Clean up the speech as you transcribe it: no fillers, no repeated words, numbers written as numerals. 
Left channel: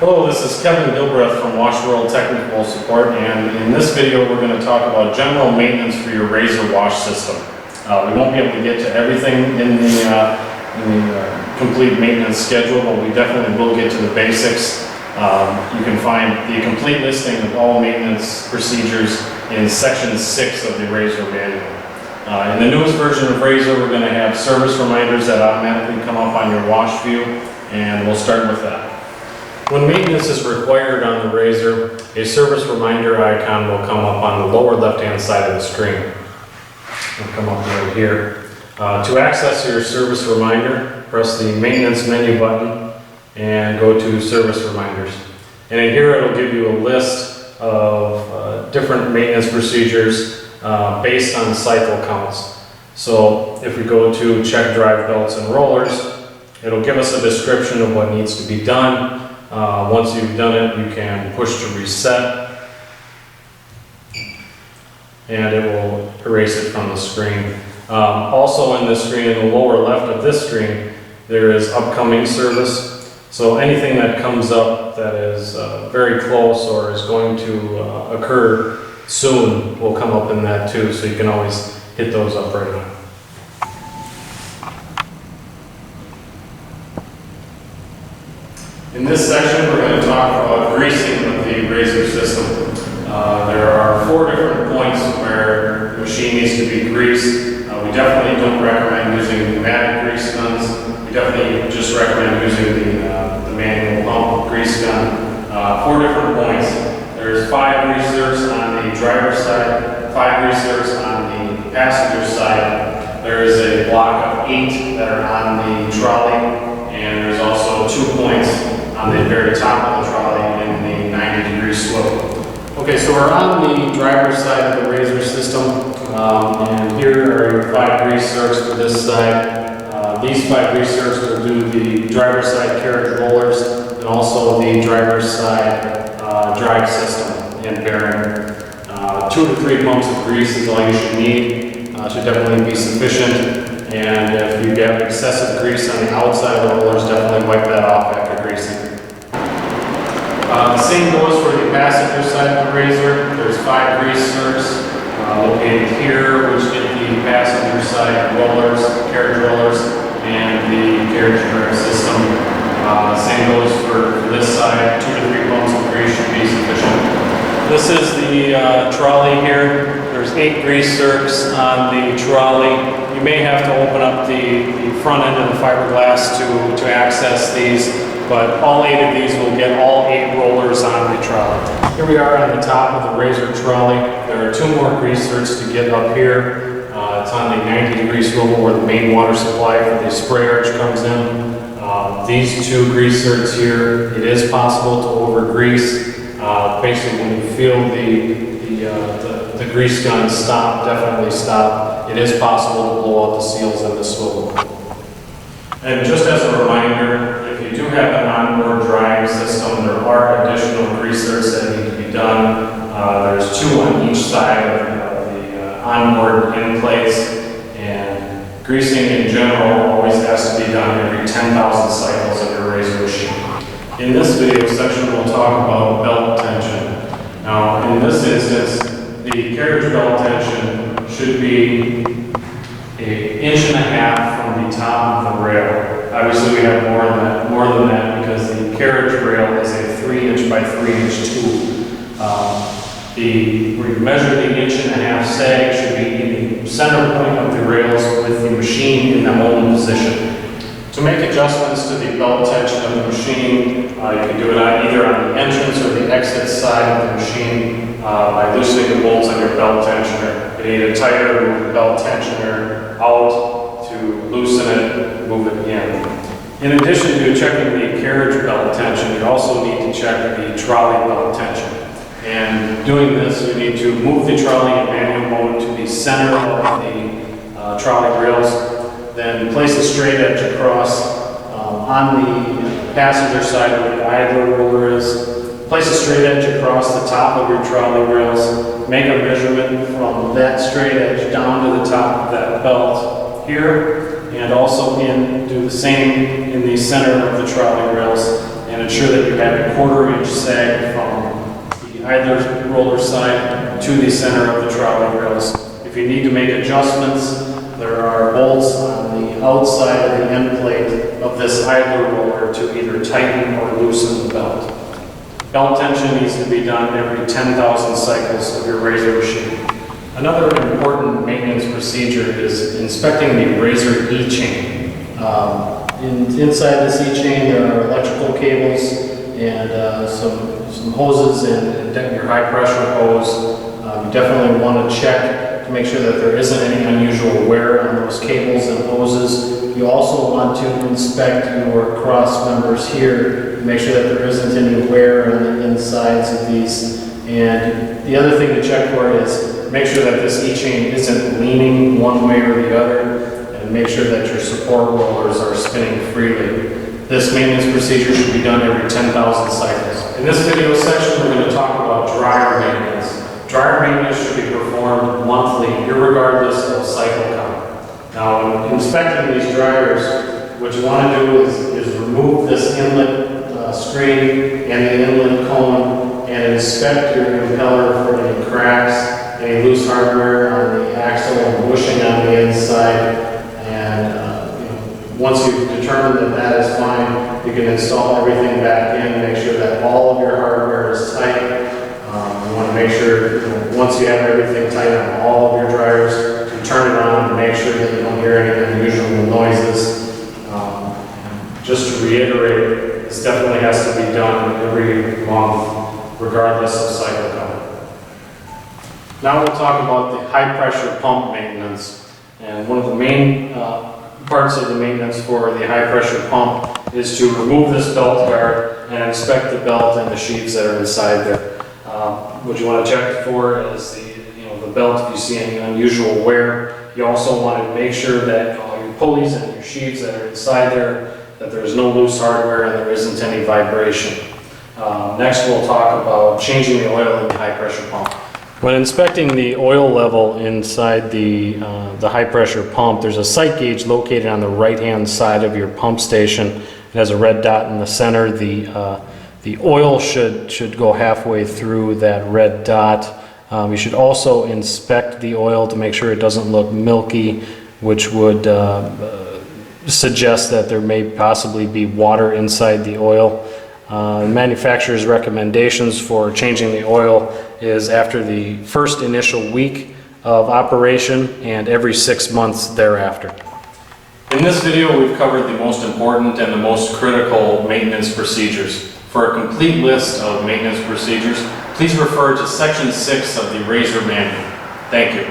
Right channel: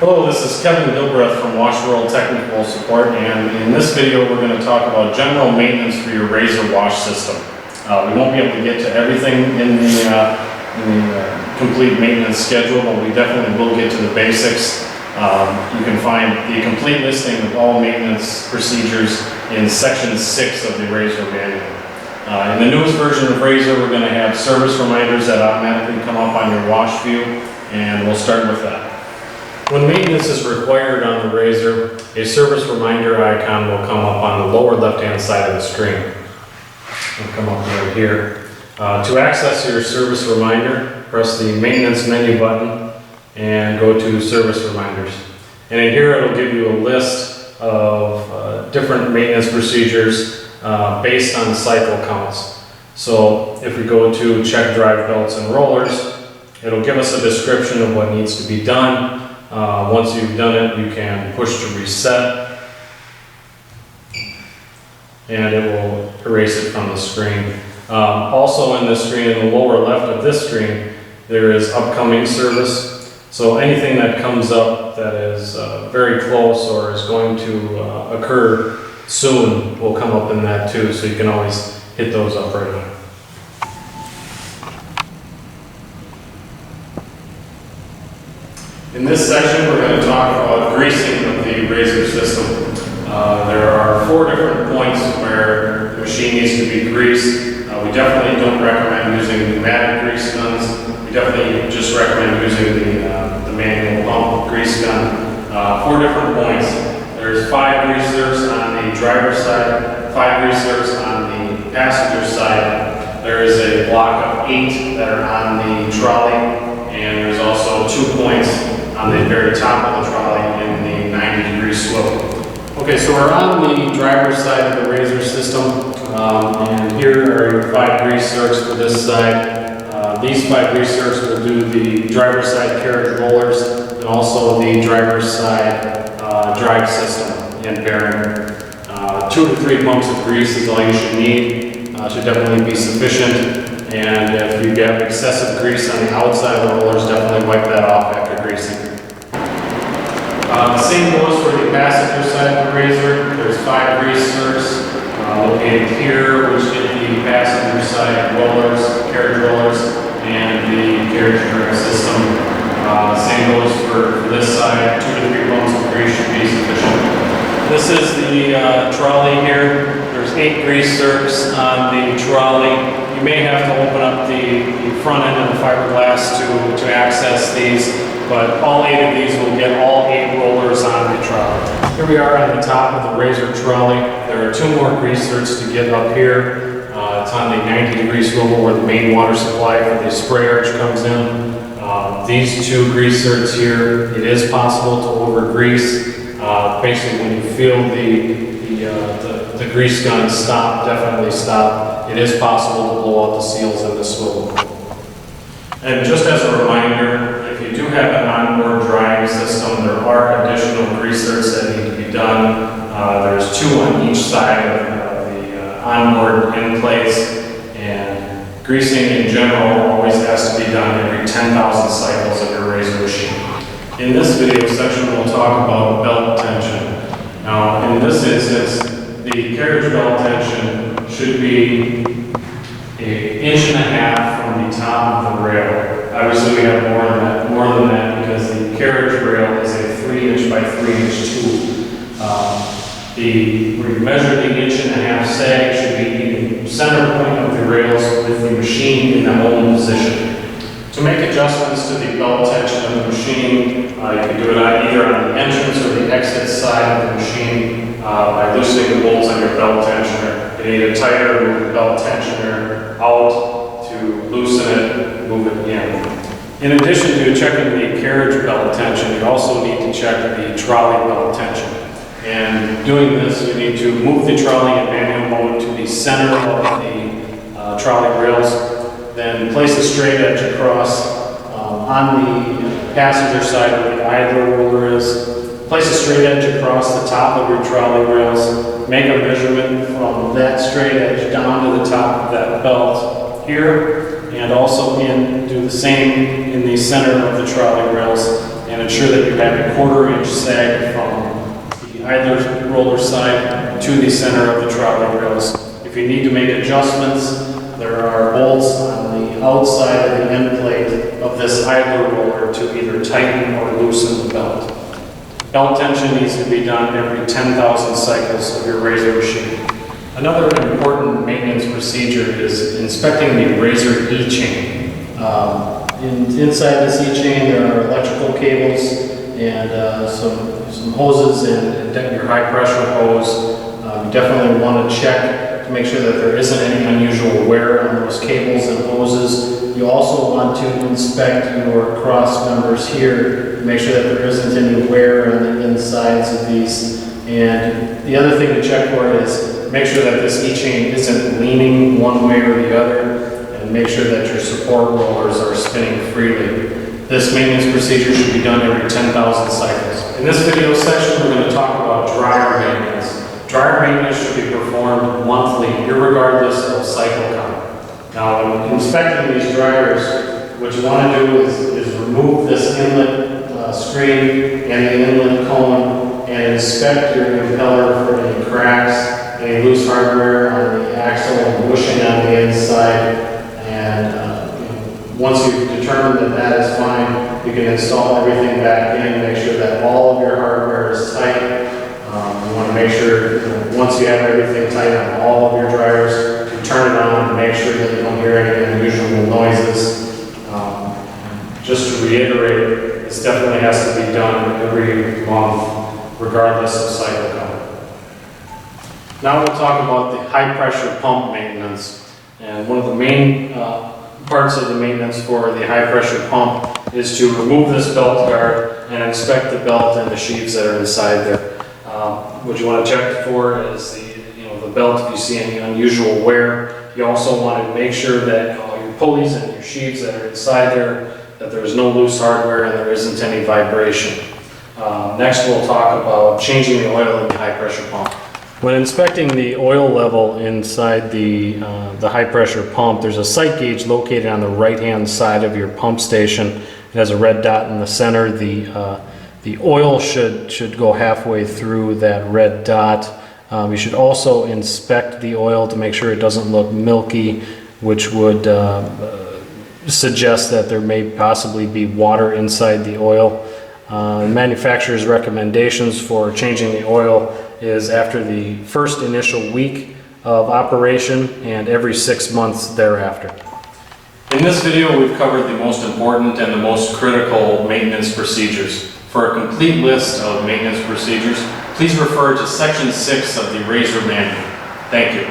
Hello, this is Kevin Gilbreth from Washworld Technical Support, and in this video we're going to talk about general maintenance for your razor wash system. We won't be able to get to everything in the complete maintenance schedule, but we definitely will get to the basics. You can find the complete listing of all maintenance procedures in section 6 of the razor manual. In the newest version of Razor, we're going to have service reminders that automatically come up on your wash view, and we'll start with that. When maintenance is required on the razor, a service reminder icon will come up on the lower left-hand side of the screen. It'll come up right here. To access your service reminder, press the maintenance menu button and go to service reminders. And in here it'll give you a list of different maintenance procedures based on cycle counts. So if we go to check drive belts and rollers, it'll give us a description of what needs to be done. Once you've done it, you can push to reset, and it will erase it from the screen. Also in this screen, in the lower left of this screen, there is upcoming service. So anything that comes up that is very close or is going to occur soon will come up in that too, so you can always hit those up right away. In this section, we're going to talk about greasing of the razor system. There are 4 different points where the machine needs to be greased. We definitely don't recommend using pneumatic grease guns. We definitely just recommend using the manual pump grease gun. 4 different points. There's 5 greasers on the driver's side, 5 greasers on the passenger side. There is a block of 8 that are on the trolley, and there's also 2 points on the very top of the trolley in the 90-degree slope. Okay, so we're on the driver's side of the razor system, and here are your 5 grease zerks for this side. These 5 grease zerks will do the driver's side carriage rollers and also the driver's side drive system and bearing. 2 to 3 pumps of grease is all you should need. Should definitely be sufficient. And if you get excessive grease on the outside of the rollers, definitely wipe that off after greasing. The same goes for the passenger side of the razor. There's 5 grease zerks located here, which get the passenger side rollers, carriage rollers, and the carriage drive system. Same goes for this side. 2 to 3 pumps of grease should be sufficient. This is the trolley here. There's 8 grease zerks on the trolley. You may have to open up the front end of the fiberglass to access these, but all 8 of these will get all 8 rollers on the trolley. Here we are on the top of the razor trolley. There are 2 more grease zerks to get up here. It's on the 90-degree swivel where the main water supply for the spray arch comes in. These 2 grease zerks here, it is possible to over-grease. Basically, when you feel the grease gun stop, definitely stop. It is possible to blow out the seals in the swivel. And just as a reminder, if you do have an onboard drying system, there are additional grease zerks that need to be done. There's 2 on each side of the onboard end plates, and greasing in general always has to be done every 10,000 cycles of your razor machine. In this video section, we'll talk about belt tension. Now, in this instance, the carriage belt tension should be 1.5 inches from the top of the rail. Obviously, we have more than that because the carriage rail is a 3-inch by 3-inch tube. Where you measure the 1.5 inch sag should be in the center point of the rails with the machine in the home position. To make adjustments to the belt tension of the machine, you can do it either on the entrance or the exit side of the machine by loosening the bolts on your belt tensioner. You need a tighter, move the belt tensioner out to loosen it, move it in. In addition to checking the carriage belt tension, you also need to check the trolley belt tension. And doing this, you need to move the trolley in manual mode to the center of the trolley rails. Then place a straight edge across on the passenger side where the idler roller is. Place a straight edge across the top of your trolley rails. Make a measurement from that straight edge down to the top of that belt here, and also do the same in the center of the trolley rails. And and ensure that you have a 1/4 inch sag from the idler roller side to the center of the trolley rails. If you need to make adjustments, there are bolts on the outside of the end plate of this idler roller to either tighten or loosen the belt. Belt tension needs to be done every 10,000 cycles of your razor machine. Another important maintenance procedure is inspecting the razor E-chain. Inside this E-chain there are electrical cables and some hoses and your high pressure hose. You definitely want to check to make sure that there isn't any unusual wear on those cables and hoses. You also want to inspect your cross members here to make sure that there isn't any wear on the insides of these. And the other thing to check for is make sure that this E-chain isn't leaning one way or the other, and make sure that your support rollers are spinning freely. This maintenance procedure should be done every 10,000 cycles. In this video section, we're going to talk about dryer maintenance. Dryer maintenance should be performed monthly, irregardless of cycle count. Now, when inspecting these dryers, what you want to do is remove this inlet screen and the inlet cone and inspect your impeller for any cracks, any loose hardware on the axle and bushing on the inside. And once you've determined that that is fine, you can install everything back in, make sure that all of your hardware is tight. You want to make sure, once you have everything tight on all of your dryers, you turn it on and make sure that you don't hear any unusual noises. Just to reiterate, this definitely has to be done every month, regardless of cycle count. Now we'll talk about the high pressure pump maintenance. And one of the main parts of the maintenance for the high pressure pump is to remove this belt guard and inspect the belt and the sheaves that are inside there. What you want to check for is the belt, if you see any unusual wear. You also want to make sure that all your pulleys and your sheaves that are inside there, that there's no loose hardware and there isn't any vibration. Next we'll talk about changing the oil in the high pressure pump. When inspecting the oil level inside the high pressure pump, there's a sight gauge located on the right hand side of your pump station. It has a red dot in the center. The oil should go halfway through that red dot. You should also inspect the oil to make sure it doesn't look milky, which would suggest that there may possibly be water inside the oil. Manufacturer's recommendations for changing the oil is after the first initial week of operation and every 6 months thereafter. In this video, we've covered the most important and the most critical maintenance procedures. For a complete list of maintenance procedures, please refer to Section 6 of the Razor Manual. Thank you.